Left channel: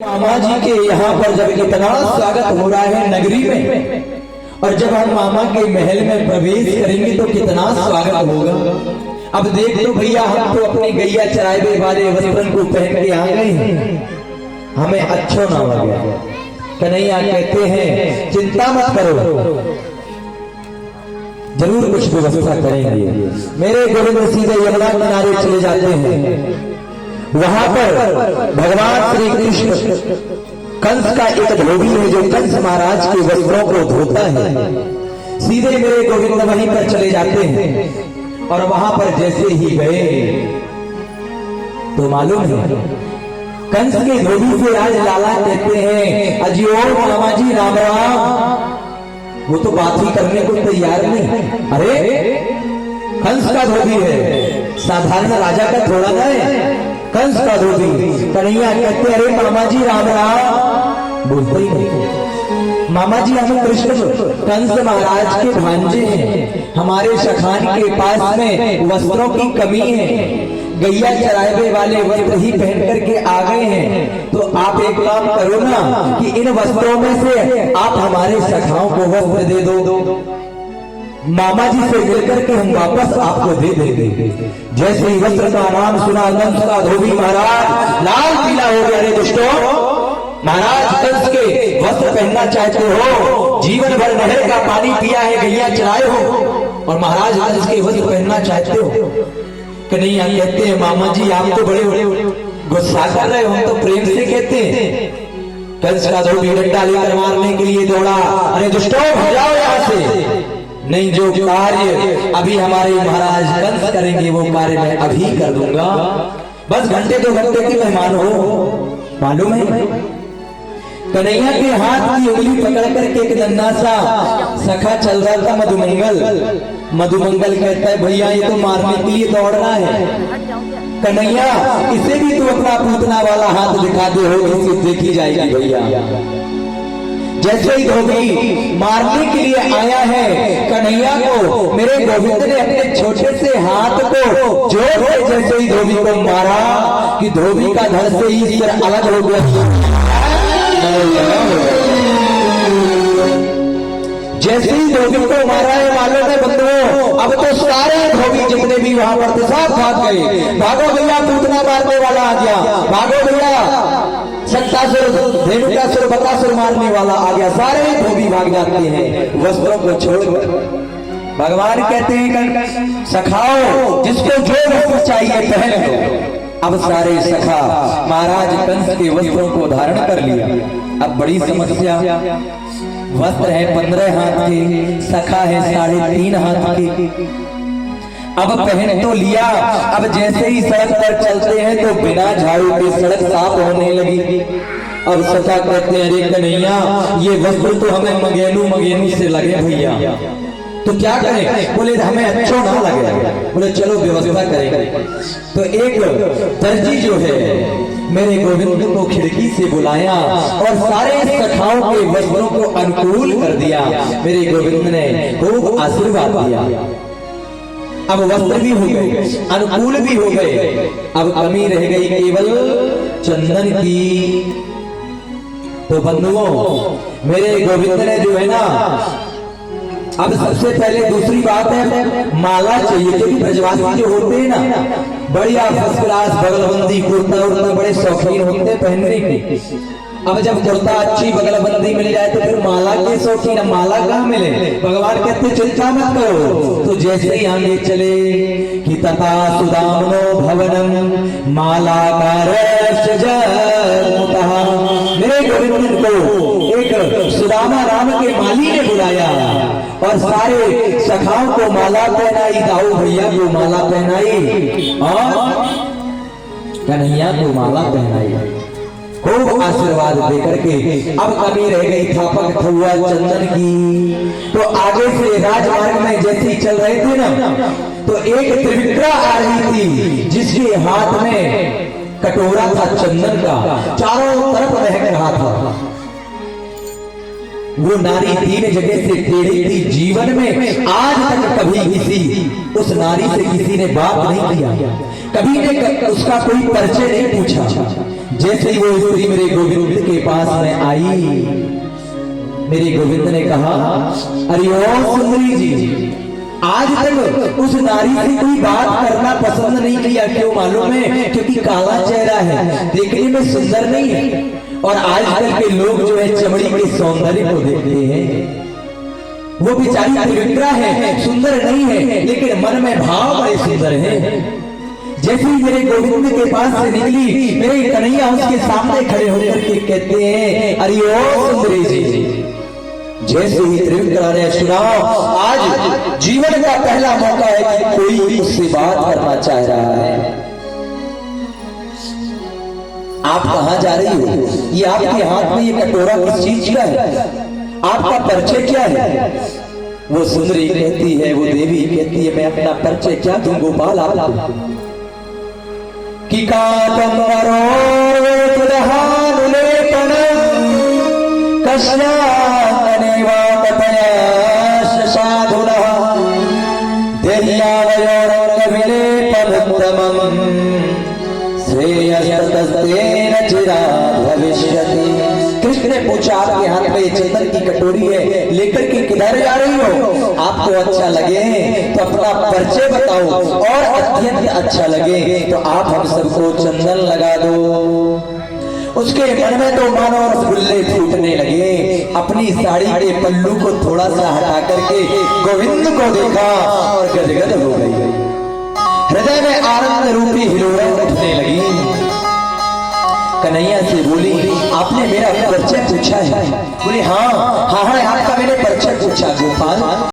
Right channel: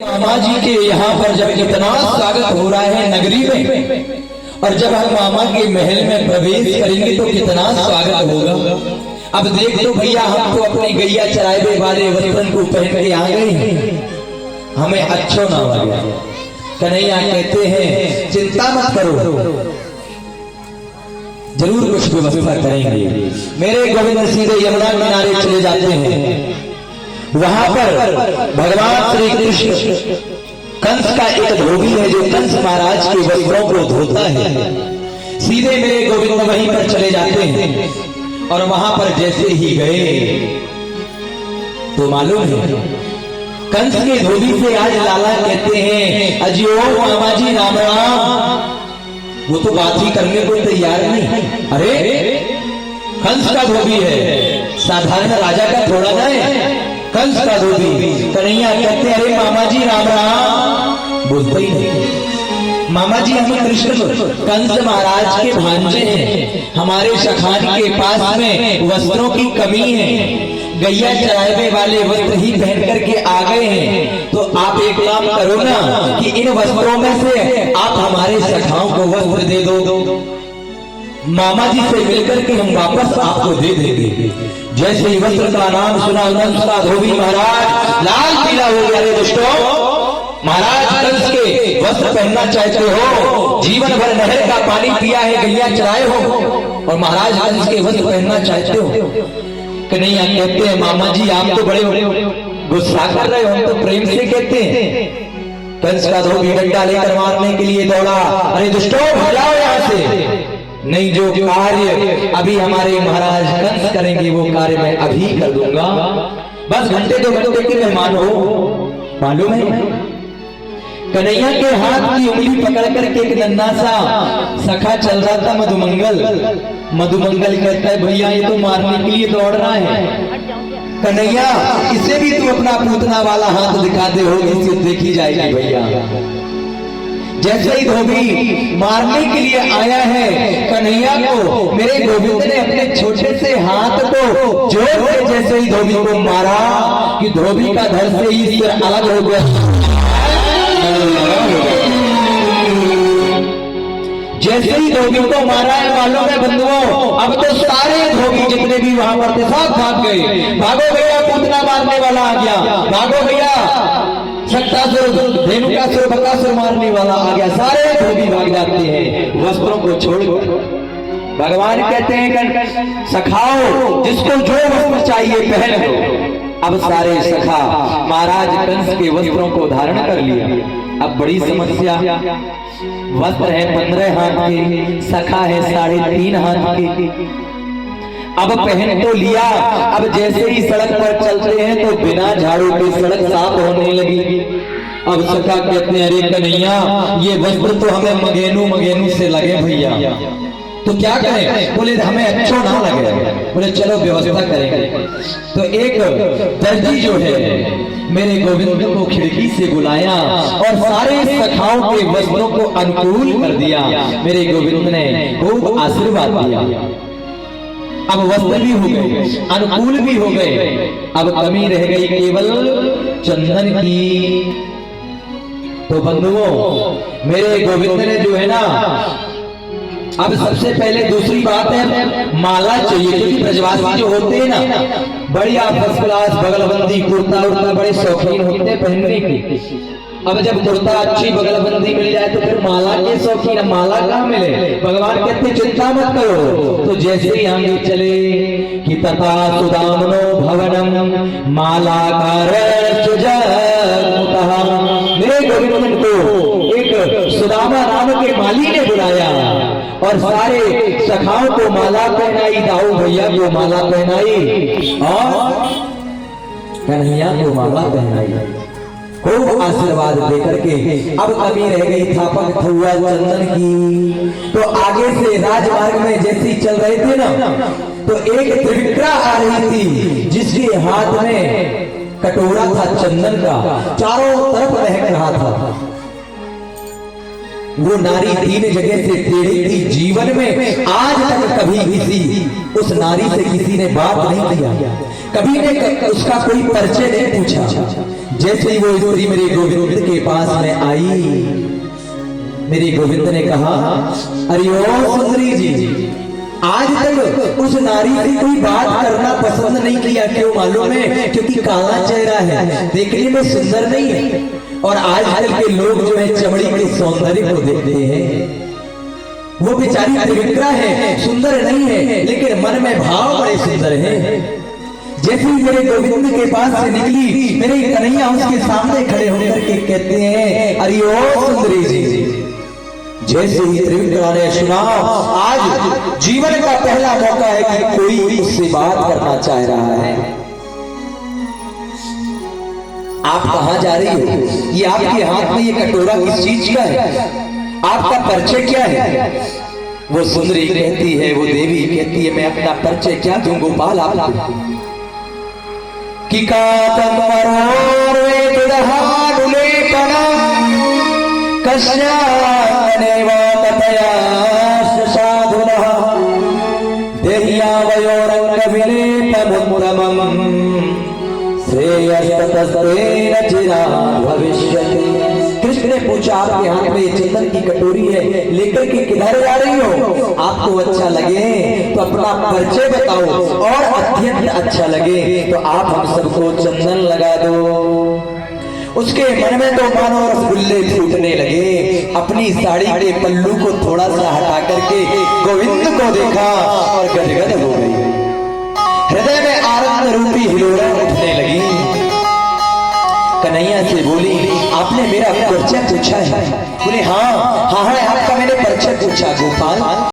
मामा जी के यहाँ पर जब इतना स्वागत हो रहा है नगरी में, और जब हम मामा के महल में प्रवेश करेंगे तो कितना स्वागत होगा। अब देख तो भैया, हम तो अपनी गैया चराए वाले वस्त्रन को पहन के आ गए हैं, हमें अच्छो ना लगा। कन्हैया कहते हैं चिंता मत करो, जरूर कुछ व्यवस्था करेंगे। मेरे गोविंद सीधे यमुना किनारे चले जाते हैं। वहां पर भगवान श्री कृष्ण कंस का एक धोबी है जो कंस महाराज के वस्त्रों को धोता है। सीधे मेरे गोविंद वहीं पर चले जाते हैं और वहां पर जैसे ही गए तो मालूम है कंस के धोबी से आज लाला कहते हैं अजियो मामा जी राम राम। वो तो बात ही करने को तैयार नहीं। अरे कंस का धोबी है, साधारण राजा का थोड़ा ना है, कंस का धोबी। कन्हैया कहते अरे मामा जी राम राम, बोलते ही नहीं। मामा जी हमें कृष्ण कंस महाराज के भांजे हैं, हमारे सखान के पास में वस्त्रों की कमी है, गैया चरावे वाले वस्त्र ही पहन करके आ गए हैं। तो आप एक काम करो ना कि इन वस्त्रों में से आप हमारे सखाओं को वस्त्र दे दो। मामा जी से मिलकर के हम वापस आपको दे देंगे। जैसे ही वस्त्र का नाम सुना कंस का धोबी महाराज लाल पीला हो गया। रे दुष्टों, महाराज कंस के वस्त्र पहनना चाहते हो, जीवन भर नहर का पानी पिया है, गैया चराए हो, और महाराज कंस के वस्त्र पहनना चाहते हो। कन्हैया कहते हैं मामा जी आप तो बड़े बड़े गुस्सा कर रहे हो, हम तो प्रेम से कहते हैं। कंस का धोबी डंडा लेकर मारने के लिए दौड़ा। अरे दुष्टों भगाओ यहाँ से। नहीं, जो कार्य अभी हमारे महाराज कंस करेंगे वो कार्य मैं अभी कर दूंगा। बस घंटे 2 घंटे के मेहमान हो, मालूम है। कन्हैया के हाथ की उंगली पकड़ करके एक नन्हा सा सखा चल रहा था मधुमंगल। मधुमंगल कहता है भैया ये तो मारने के लिए दौड़ रहा है। कन्हैया इसे भी तो अपना पूतना वाला हाथ दिखा दे, हो इसे देखी जाएगी भैया। जैसे ही धोबी मारने के लिए आया है कन्हैया को, मेरे गोविंद ने अपने छोटे से हाथ को जोड़ कर जैसे ही धोबी को मारा कि धोबी का घर से ही सिर अलग हो गया। जैसे ही धोबी को मारा है मालूम है बंधुओं, अब तो सारे धोबी जितने भी वहां पर थे सब भाग गए। भागो भैया, पूतना मारने वाला आ गया, भागो भैया, शक्तासुर धेनुकासुर बकासुर मारने वाला आ गया। सारे धोबी भाग जाते हैं वस्त्रों को छोड़कर। भगवान कहते हैं सखाओ, जिसको जो वस्त्र चाहिए पहन लो। अब सारे सखा महाराज कंस के वस्त्रों को धारण कर लिया। अब बड़ी समस्या, वस्त्र है 15 हाथ के, सखा है 3.5 हाथ के। अब पहन तो लिया, अब जैसे ही सड़क पर चलते हैं तो बिना झाड़ू के सड़क साफ होने लगी। अब सखा कहते हैं अरे कन्हैया ये वस्त्र तो हमें मगेनू से लगे भैया, तो क्या करें? बोले हमें अच्छो ना लगे। बोले चलो व्यवस्था करेंगे। तो एक दर्जी जो है मेरे गोविंद को खिड़की से बुलाया और सारे सखाओं के वस्त्रों को अनुकूल कर दिया। मेरे गोविंद ने खूब आशीर्वाद दिया। अब वस्त्र भी हो गए, अनुकूल भी हो गए, अब कमी रह गई केवल चंदन की। तो बंधुओं, मेरे गोविंद ने जो है ना, अब सबसे पहले दूसरी बात है माला चाहिए, क्योंकि ब्रजवासी जो होते हैं ना बढ़िया फर्स्ट क्लास बगलबंदी कुर्ता उर्ता बड़े शौकीन होते हैं पहनने की। अब जब कुर्ता अच्छी बगलबंदी मिल जाए तो फिर माला के शौकीन, माला कहाँ मिले? भगवान कहते चिंता मत करो। तो जैसे ही हम चले कि तथा सुदामनो भवनम माला मेरे गोविंद को एक सुदामा नाम के माली ने बुलाया और सारे सखाओं को माला पहनाई, दाऊ भैया को माला पहनाई और कन्हैया को माला पहनाई। खूब आशीर्वाद देकर के अब कमी रह गई थापक थुआ चंदन की। तो आगे से राजमार्ग में जैसे चल रहे थे ना, तो एक त्रिविक्रा आ रही थी जिसके हाथ में कटोरा था चंदन का, चारों तरफ महक रहा था। वो नारी 3 जगह से टेढ़ी थी। जीवन में आज तक कभी किसी उस नारी से किसी ने बात नहीं किया, कभी ने उसका कोई परिचय नहीं पूछा। जैसे ही वो स्त्री मेरे गोविंद के पास में आई, मेरे गोविंद ने कहा, अरे ओ सुंदरी जी, आज तक उस नारी से कोई बात करना पसंद नहीं किया, क्यों मालूम है? क्योंकि काला चेहरा है, देखने में सुंदर नहीं है। और आजकल के लोग जो है चमड़ी के सौंदर्य को देखते हैं, वो बेचारी पवित्रा है, सुंदर नहीं है, लेकिन मन में भाव बड़े सुंदर है। जैसे ही मेरे गोविंद के पास से निकली, मेरे कन्हैया उसके सामने खड़े होकर के कहते हैं, अरे ओ सुंदरी जी, जैसे ही त्रिविक्रा ने सुना, आज जीवन का पहला मौका है कि कोई उससे बात करना चाह रहा है। आप कहां जा रही हो? ये आपके हाथ में ये कटोरा किस चीज का है? आपका परिचय क्या है? वो सुंदरी कहती है, वो देवी कहती है, मैं अपना परिचय क्या दूं गोपाल आपको? कि कृष्ण ने पूछा, आपके हाथ में चंदन की कटोरी है, लेकर के किधर आ रही हो? आपको अच्छा लगे तो अपना परिचय बताओ, और अत्यंत अच्छा लगे तो आप हम सबको चंदन लगा दो। उसके मन में तो मानो रसगुल्ले फूटने लगे। अपनी साड़ी के पल्लू को थोड़ा सा हटा करके गोविंद को देखा और गदगद हो गई। हृदय में आनंद रूपी हिलोरा उठने लगी। कन्हैया से बोली, आपने मेरा परिचय पूछा है? बोले हाँ हाँ हाँ, आपका मैंने परिचय पूछा गोपाल।